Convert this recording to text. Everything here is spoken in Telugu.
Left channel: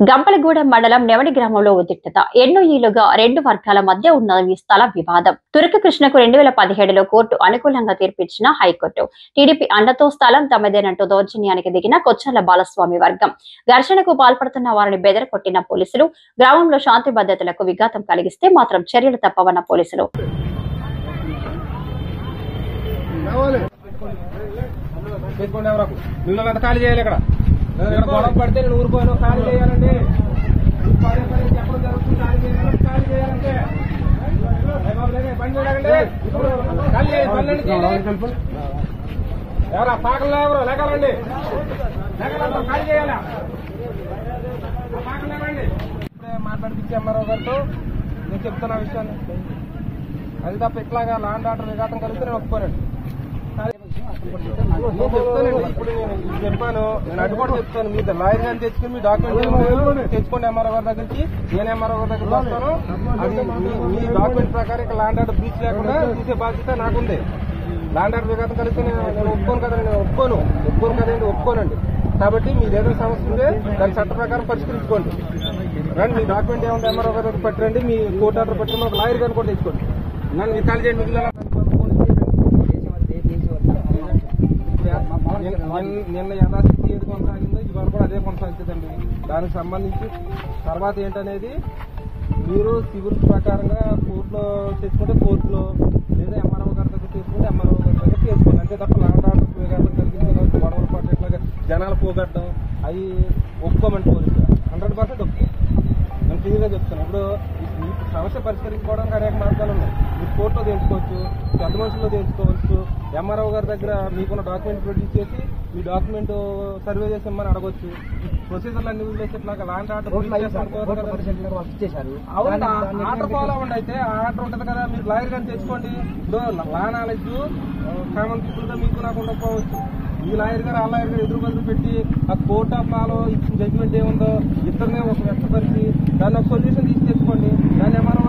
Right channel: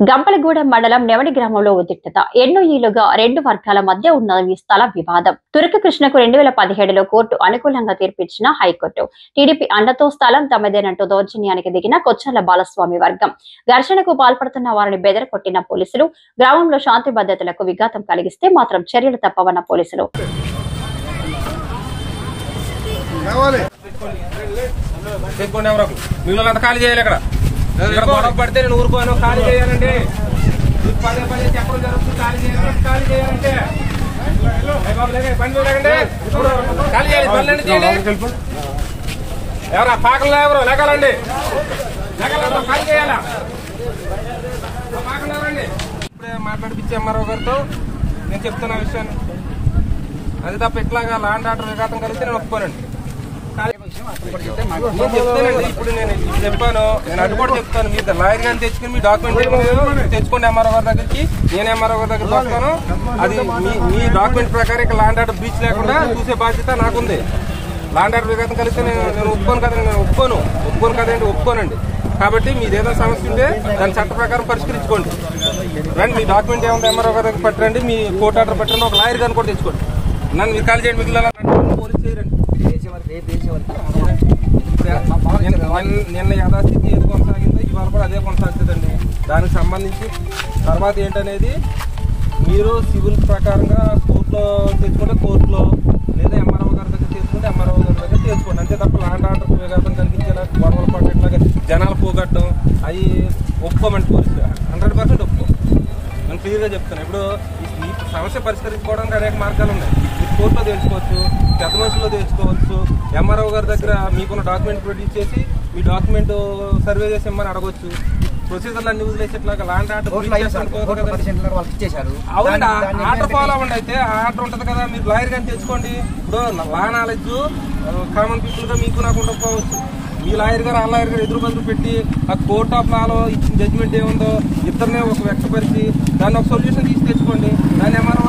గంపలగూడెం మండలం నెవడి గ్రామంలో ఉద్రిక్తత. ఎన్నో ఏళ్లుగా రెండు వర్గాల మధ్య ఉన్న ఈ స్థల వివాదం. తురక కృష్ణకు 2017లో కోర్టు అనుకూలంగా తీర్పిచ్చిన హైకోర్టు టీడీపీ అండతో స్థలం తమదేనంటూ దౌర్జన్యానికి దిగిన కొచ్చాల బాలస్వామి వర్గం. ఘర్షణకు పాల్పడుతున్న వారిని బెదరకొట్టిన పోలీసులు. గ్రామంలో శాంతి భద్రతలకు విఘాతం కలిగిస్తే మాత్రం చర్యలు తప్పవన్న పోలీసులు. గొడవ పడితే నేను ఊరుకోను, ఖాళీ చేయాలండి. పదే పదే చెప్పడం జరుగుతుంది, ఖాళీ చేయాలంటే ఖాళీ చేయాలంటే ఖాళీ చేయాలి. ఎవరా పాకల్లో ఎవరు లేకాలండి, ఖాళీ చేయాలా? పాకలు ఎవరండి? ఇప్పుడే మాట్లాడిపించి ఎంఆర్ఓ గారితో నేను చెప్తున్నా విషయాన్ని. అది తప్ప ఇట్లాగా ల్యాండ్ ఆర్డర్ విఘాతం కలిగితే నేను ఒప్పుకోనండి. ఇప్పుడు నేను చెప్పాను, నేను అటు కూడా చెప్తాను. మీరు లాయర్ గారిని తెచ్చుకుని మీ డాక్యుమెంట్ తెచ్చుకోండి ఎంఆర్ఓ గారి దగ్గరికి. నేను ఎంఆర్ఓ గారి దగ్గర వస్తాను. అది మీ డాక్యుమెంట్ ప్రకారం ఇక్కడ ల్యాండ్ ఆర్డర్ బ్రీచ్ లేకుండా చూసే బాధ్యత నాకుంది. ల్యాండ్ ఆర్డర్ విఘాతం కలిగితే నేను ఒప్పుకోను కదండి, నేను ఒప్పుకోను కదండి, ఒప్పుకోనండి. కాబట్టి మీరు ఏదైనా సమస్య ఉంటే దాని చట్ట ప్రకారం పరిష్కరించుకోండి. రండి, మీ డాక్యుమెంట్ ఏముంది ఎంఆర్ఓ గారి దగ్గర పెట్టండి, మీ కోర్టు ఆర్డర్ పెట్టండి, ఒక లాయర్ గారిని కూడా తెచ్చుకోండి. నన్ను మీరు కాల్ చేయండి, మిగిలిన పోలీస్ చేయరండి. నిన్న యథాస్థితి ఏది కొనసాగిందో ఇవాళ కూడా అదే కొనసాగుతుందండి. దానికి సంబంధించి తర్వాత ఏంటనేది మీరు సివిల్ ప్రకారంగా కోర్టులో తెచ్చుకుంటే కోర్టులో, లేదా ఎంఆర్ఓ గారి దగ్గర తీసుకుంటే ఎంఆర్ఓ గారి దగ్గర తీసుకోండి. అంతే తప్ప ల్యాండ్ ఆర్డర్ విఘాతం కలిగించడానికి గొడవలు పడేట్లాగా జనాలు పోగొట్టడం అవి ఒప్పుకోమండి. పోలీసు 100% ఒప్పుకో. నేను క్లియర్గా చెప్తాను. ఇప్పుడు ఈ సమస్య పరిష్కరించుకోవడానికి అనేక మార్గాలు ఉన్నాయి. మీరు కోర్టులో తెలుసుకోవచ్చు, పెద్ద మనుషుల్లో తెలుసుకోవచ్చు, ఎంఆర్ఓ గారి దగ్గర మీకున్న డాక్యుమెంట్ ప్రొడ్యూస్ చేసి మీ డాక్యుమెంట్ సర్వే చేసి ఇమ్మని అడగొచ్చు. ప్రొసీజర్లు అన్ని వదిలేసేట్లాగా ల్యాండ్ ఆర్డర్ ఆర్డర్ ఫాలో అవ్వండి. అయితే ఆర్డర్ ఉంటుంది కదా, మీరు లాయర్ గారిని తెచ్చుకోండి. ఇప్పుడు లా నాలెడ్జ్ కామన్ పీపుల్ గా మీకు నాకు ఉండకపోవచ్చు. మీ లాయర్ గారు ఆ లాయర్ గారు ఎదురు బదులు పెట్టి ఆ కోర్ట్ ఆఫ్ లాలో ఇచ్చిన జడ్జిమెంట్ ఏముందో ఇద్దరినే ఒక వ్యక్తపరిచి దాన్ని ఒక సొల్యూషన్ తీసి తెచ్చుకోండి. దాన్ని ఎంఆర్ఓ